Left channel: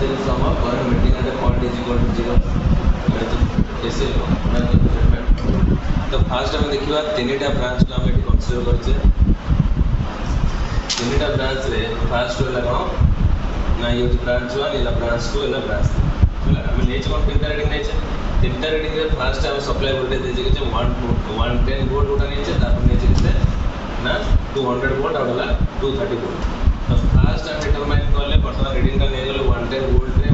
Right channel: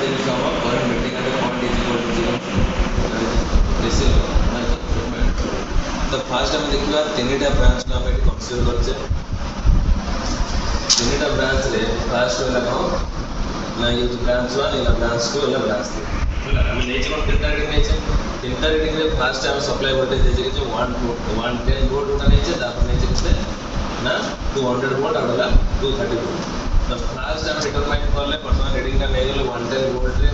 within from a current meeting at a point is equal to 0 ऐसे statement. तो fast आम देखा तीन टा ब्रांच को आम ये कनसीडर करचे तीन टा ब्रांच रे फास्ट है कौन ना ये ब्रांच 1 ये ब्रांच 2 ये ब्रांच 3 है आम नहीं कौन तीन टा रीडिंग नहीं तीन टा रीडिंग रे फास्ट आम सप्लाई वोल्टेज देजे के 110 वोल्ट उठा नहीं तापर नहीं कितने ना 200 वोल्ट आउट होगा 230 वोल्ट। तो फास्ट आम डिटरमाइन कले बर्तमान रीडिंग नहीं गले 110 वोल्ट रे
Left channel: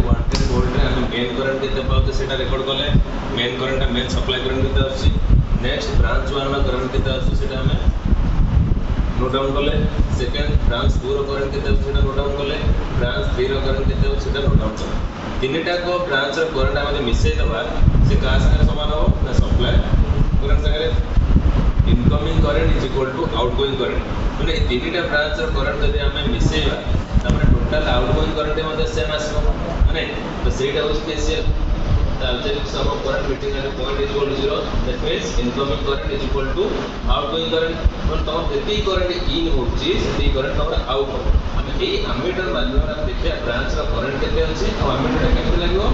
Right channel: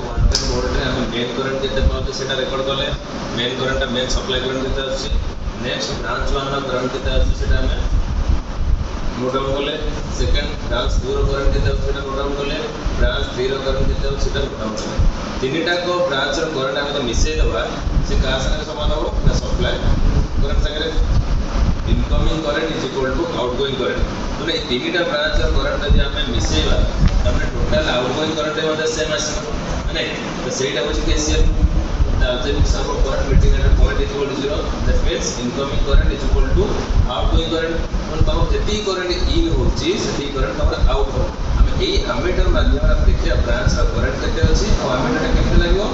आम मेन करंट केते पाउचे सेटा रेकॉर्ड कले main current main supply current केते आछि नेक्स्ट ब्रांच 1 रो करंट केते आछि सेटा आम नोट डाउन कले सेकंड ब्रांच 2 रो करंट केते आछि सेटा नोट डाउन कले ब्रांच 3 रो करंट केते आछि सेटा नोट डाउन कले तीनटा को ब्रांच रो करंट आम मिसई दबा से का संगे समान हो ना सप्लाई करंट संगे incoming current is equal to outgoing current माने तीनटा ब्रांच रो करंट यदि आम मिसईबा तमने टोटल आउटगोइंग करंट मध्ये सेम आसीबो माने तो सेटा होची KCL the alternate sum of current meeting at a point is equal to 0 that means incoming current is equal to outgoing current मन तम जति करंट इन होची सेति करंट तम आउट हो हम एई एमीटर माध्यम रे देखिया ब्रांच रा करंट केते अछि आ एमीटर केते लागो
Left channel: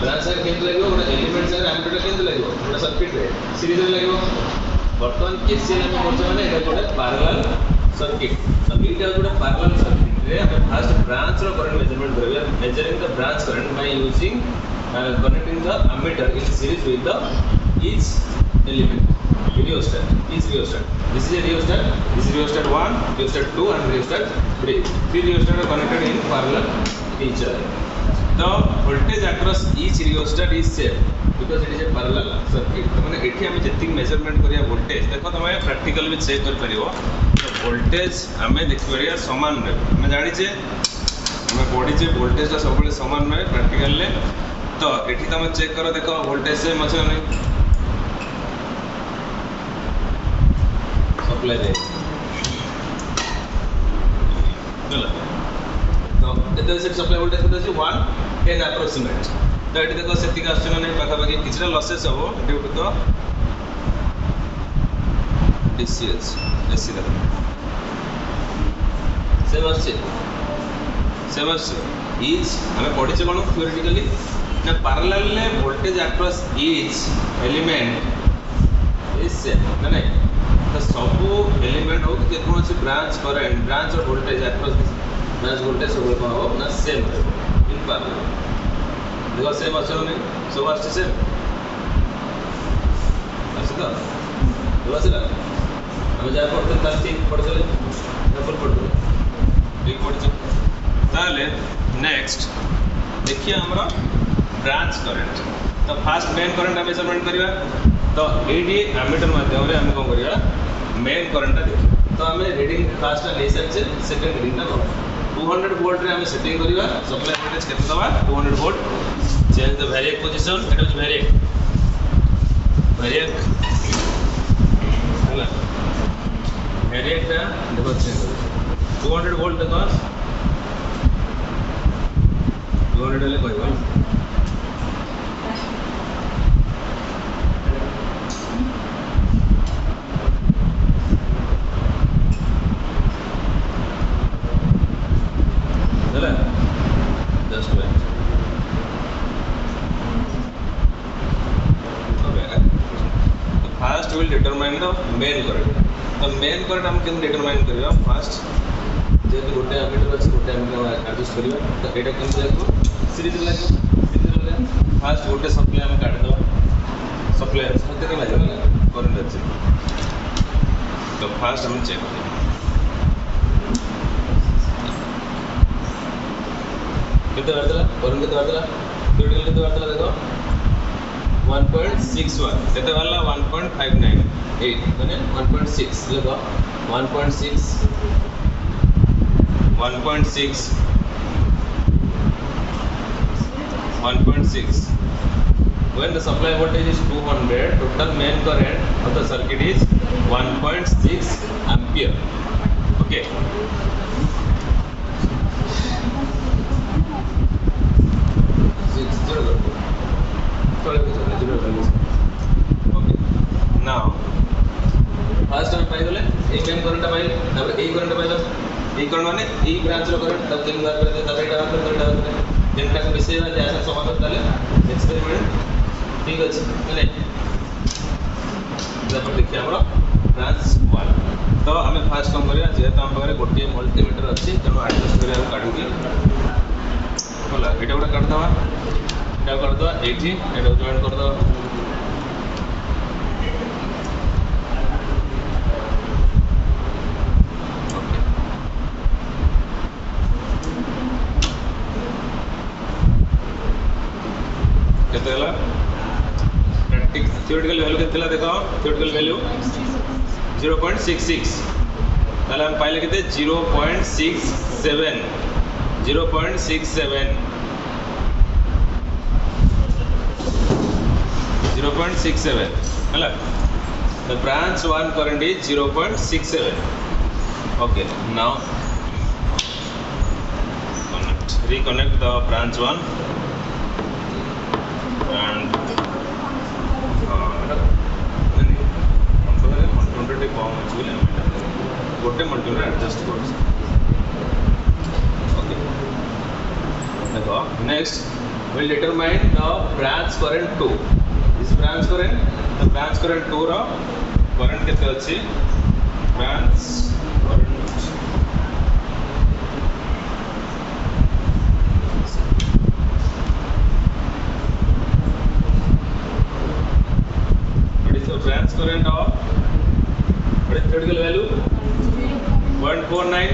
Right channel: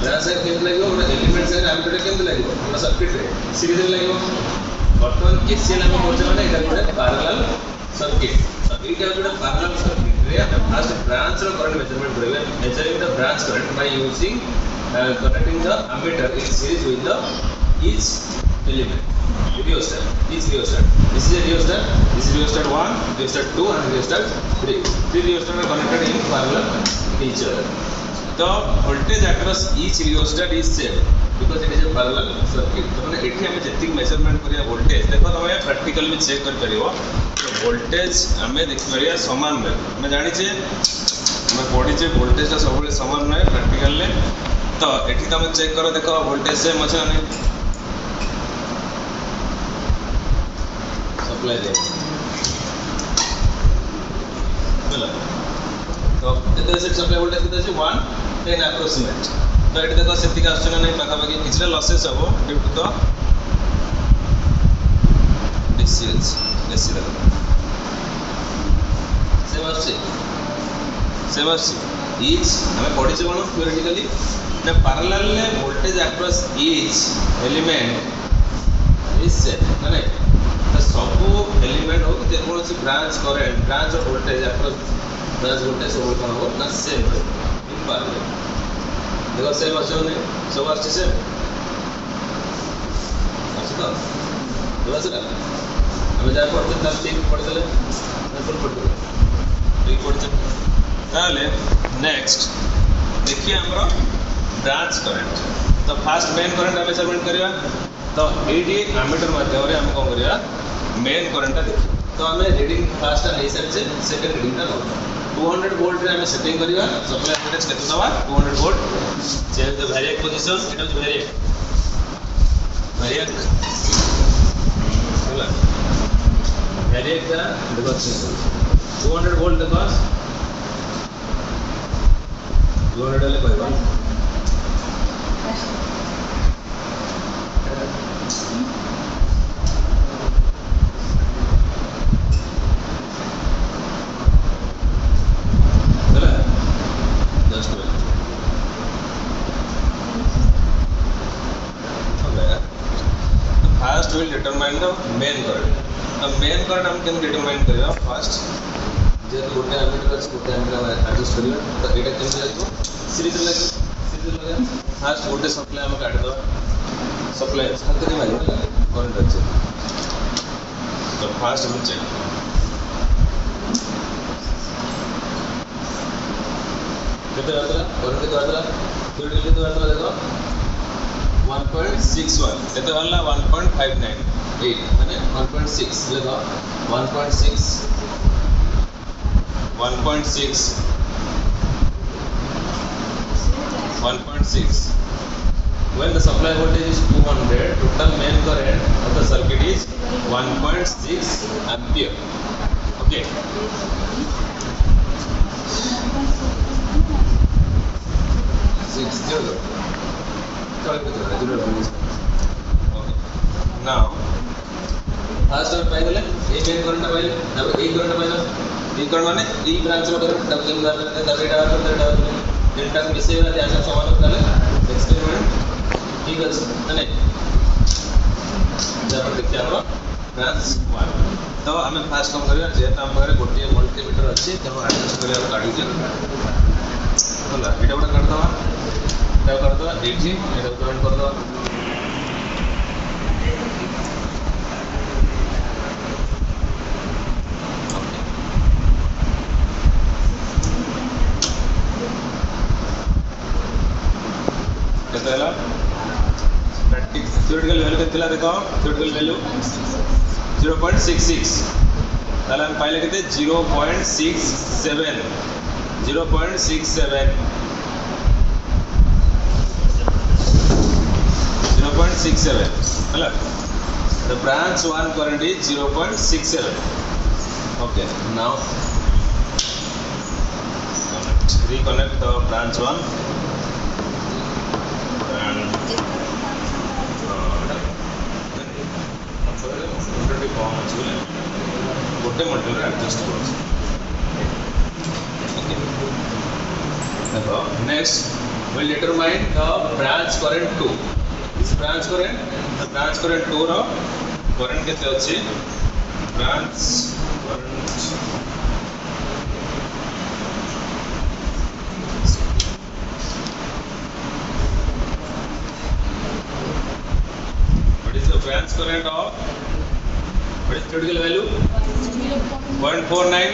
ब्रांच रा केते लागो ओना एलिमेंट रा एमीटर केते लागो ओना सर्किट रे सीरीज रे लागो वर्तमान केसीएल हम करछ माने एटा गोटे पैरेलल सर्किट सब एटा गोटे पैरेलल सर्किट रे हम फर्स्ट ब्रांच रा करंट मेजरमेंट करबे measuring the branch current by using connecting the ammeter in series with the each element rheostat each rheostat this is a rheostat this is rheostat 1 rheostat 2 and rheostat 3 three rheostat are connected in parallel each other the voltage across each rheostat is same because it is a parallel circuit तो माने एठी हम जति measurement करिया voltage देखो तमे practical भी check कर परिबो तो वोल्टेज हमें देख परिया समान रे हम जानि छे हम पढी छे वोल्टेज ता सब समान रे प्रैक्टिकल ले तो एठी तुम चेक करो देखो वोल्टेज सेम अच्छे नहीं सप्लाई दे बोला तो एते से सप्लाई वोल्टेज केते अछि 110 अप्रोक्सीमेट तो एठी देखो सेति का आछन नहीं पाखा पाखी किछरा लॉसेस हो due to the DCS AC दा सेम अच्छे इज हमें पढ़ी से कोन थ्योरेटिकली ना पैरेलल ले voltage across each element is same ना नहीं तो सब एलिमेंट हो जे कोन सी ब्रांच करंट ब्रांच और वोल्टेज अक्रॉस ब्रांच वोल्टेज सब कोन हो ना सेम इन पैरेलल देखो सेम असो नहीं सब अच्छे सेम अच्छा तो बस ना हम जा पढ़ते तब ठीक पढ़ते ले फुल पढ़ते ठीक पढ़ते ताले नेक्स्ट देखिए हमरा ब्रांच करंट तो फास्ट मेन करंट मेजरमेंट करवा तो एडी एमीटर माध्यम रे हम कोन करिया मेन करंट देखियो तो हमें रीडिंग फास्ट ले से सेकंड रीडिंग ना 200 वोल्ट रे हम सेटिंग करवा सप्लाई वोल्टेज केते दवा 200 volt change the variac position it is variac होला वेरिएक दा देखो चेंज 200 वोल्ट देखो 200 ले कहबा First will determine the main current. The main current हम केम determine करिया first जेतु गोटे एमीटर अछि गोटे एमीटर एडजस्ट करिया तो एटा केम लागो सीरीज लगा फास्ट गोटे सप्लाई हम काट दवा सप्लाई हाथ के मारियो करंट अछि तो फास्ट हम चेक केते करदला करंट केते करदला थ्योरेटिकल केते करदला देखो 1.61 केते वाला 1.598 माने 1.6 लगा 1.6 when the supply voltage is 200 total main current of the circuit is 1.6 ampere okay now first हम पाई गले ए मेन करंट पाई तब ए करंट पाई ए करंट माने ए ब्रांच रो करंट तब केम कर लेते तब एटा तीनटा को मिसेइबा जे आंसर समान होता है एक्सपेरिमेंट ठीक अछि माने जब देखिए हमरा ब्रांच 1 तो आम फास्ट कम करिया जेहेतु आम पाखे गोटे मल्टीमीटर अच्छी तेणु आडजस्ट करा काढ़ी होला एटा गोटे काटिदवा एटा करदवा एठी एटा जॉइन करदवा theoretical value कितना देखा theoretical value 0.66 ताले हम पाइले कितने 0.67 हेला the branch 1 current is 0.67 okay now reconnect the branch 1 and गोटे मल्टीमीटर एडजस्ट कर ओके देखो next will determine the branch current 2 this branch current 2 रो करंट केते अछि branch current what is the branch current of what is theoretical value 0.49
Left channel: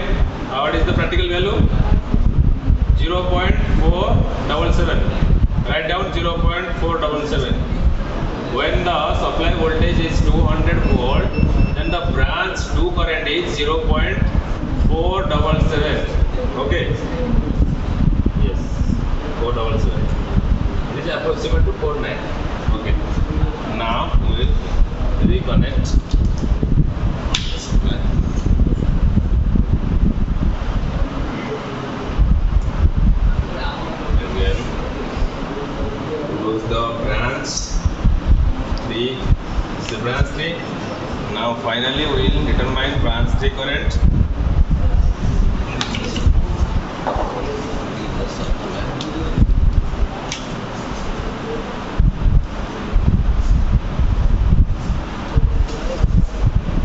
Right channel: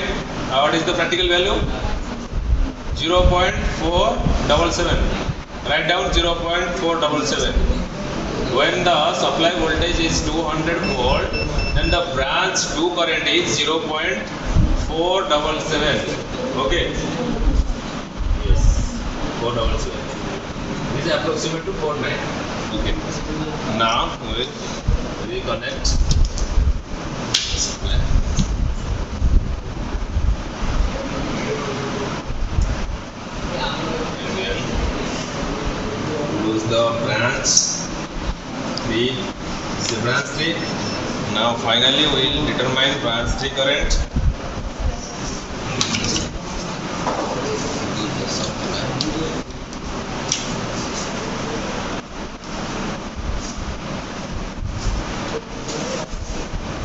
what is the practical value 0.477 write down 0.477 when the supply voltage is 200 volt then the branch 2 current is 0.477 okay yes 477 this is approximate to 49 okay now we will reconnect again close the branch 3 is the branch 3 now finally we will determine branch 3 current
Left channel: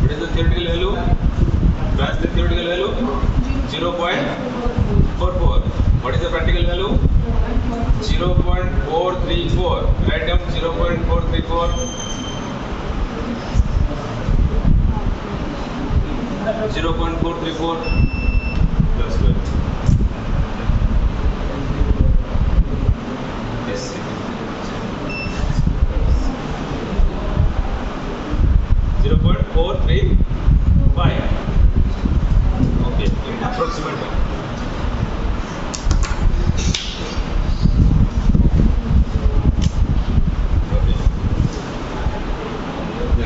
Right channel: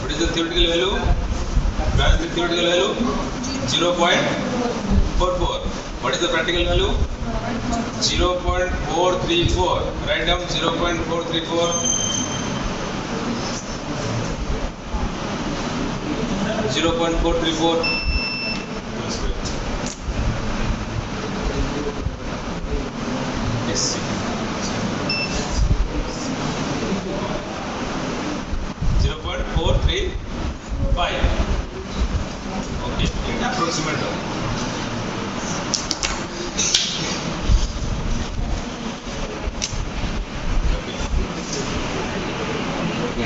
what is the theoretical value branch 3 theoretical value 0.44 what is the practical value 0.434 write down 0.434 0.434 yes 0.435 okay approximate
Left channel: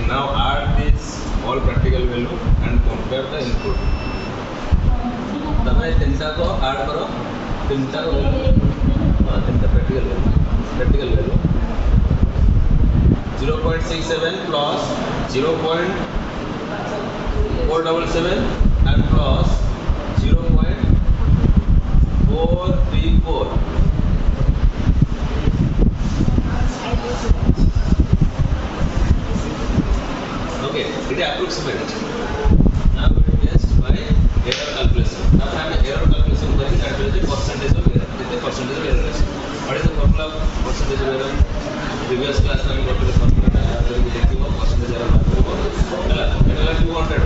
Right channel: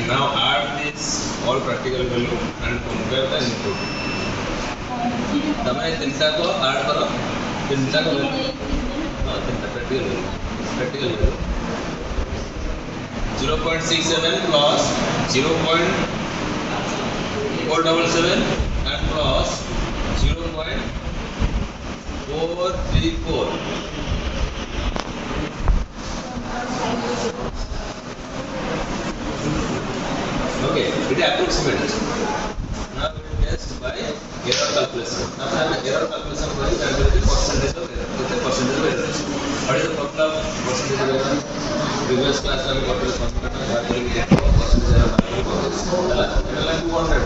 now add this all practical value and compare the input तमें तीनटा को add करो तीनटा को value हां तीनटा practical value 0.67 plus 0.477 and plus 0.434 okay it is approximate now we will test by error calculation now हम error calculation करेंगे calculate percentage of error कितने percentage of error है what is the formula of percentage of error previous class में हम करते formula टा बात करेंगे देखो percentage error बात करेंगे ହେଲା एटा ला 200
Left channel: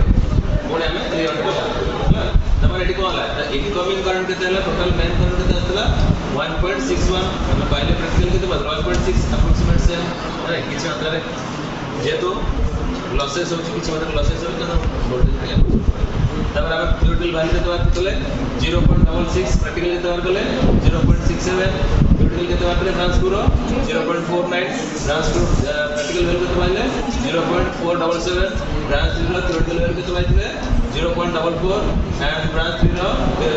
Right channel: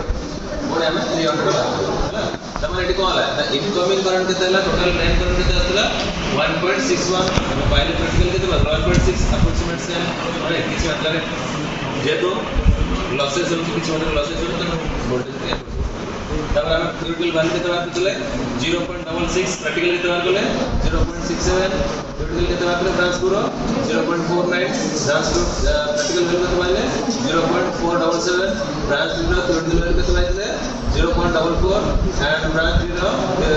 कोड हमें 300 बात ହେଲା तमने एटी कोन होला इनकमिंग करंट केते होला टोटल मेन करंट केते आस्तला 1.61 हम पहले प्रैक्टिकल केते 1.6 अप्रोक्सीमेट से हम अरे किछ मात्रा रे जेतो लॉसेस होची किछ मात्रा लॉसेस होतो तो वोल्टेज पे तब हम theoretical value केते बात करले 0.66 प्रैक्टिकल केते बात करले 0.67 theoretical केते बात करले ब्रांच 2 0.49 ब्रांच 2 प्रैक्टिकल वैल्यू केते बाइले 0.477 ब्रांच 3 theoretical वैल्यू केते बाइले 0.44 and branch 3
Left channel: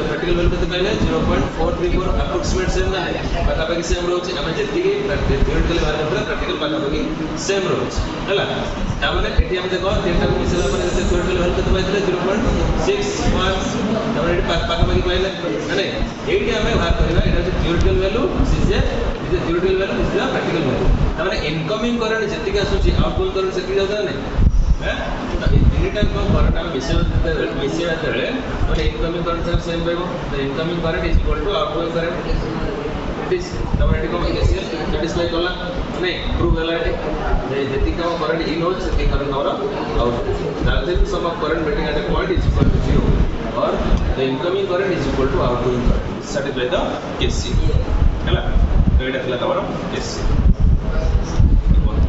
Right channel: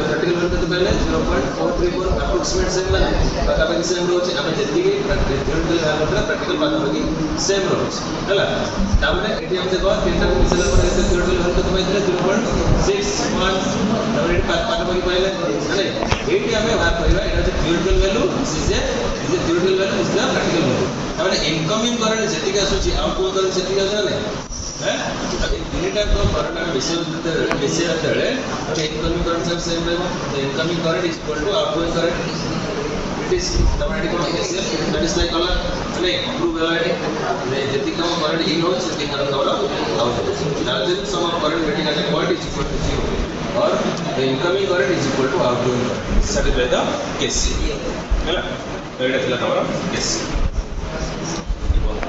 practical practical value କେତେ ପାଇଲେ 0.434 approximate same ମାନେ ପାଖାପାଖି ସେମ୍ ରହୁଛି ଆମେ ଯେତିକି theoretical value ଥିଲା practical ପାଖାପାଖି ସେମ୍ ରହୁଛି ହେଲା ତାମାନେ ଏଠି ଆମେ ଦେଖ ତିନିଟାକୁ ମିଶେଇଲା ପରେ କେତେ theoretical value କେତେ ପାଇଥିଲେ 0.61 ତାମାନେ ଏଠି ପାଖାପାଖି ପାଇଲେ ମାନେ ଏଇଠି ଆମେ ବାହାର କରିବା ଏଟା ହଉଛି theoretical value this is a theoretical value this is the practical value ତାମାନେ incoming current ଯେତିକି ଆସୁଛି outgoing current ସେତିକି ଆସୁଛି ନା ନାହିଁ ତିନିଟା current ଆମେ ମିଶେଇବା ଯେତେବେଳେ ଗୋଟେ incoming current same ରହିବ the incoming current is equal to outgoing current it is ତାମାନେ ଏଠି କଣ KCL satisfy କଲା ମାନେ prove ହେଲା ଏଠି ଯେତିକି କମ current in ହଉଛି ସେତିକି current ଆମର out ହଉଛି the sum of current getting at a point is equal to 0 or the incoming current is equal to outgoing current satisfy the KCL ହେଲା ଏଇଟା ଥିଲା ତମର KCL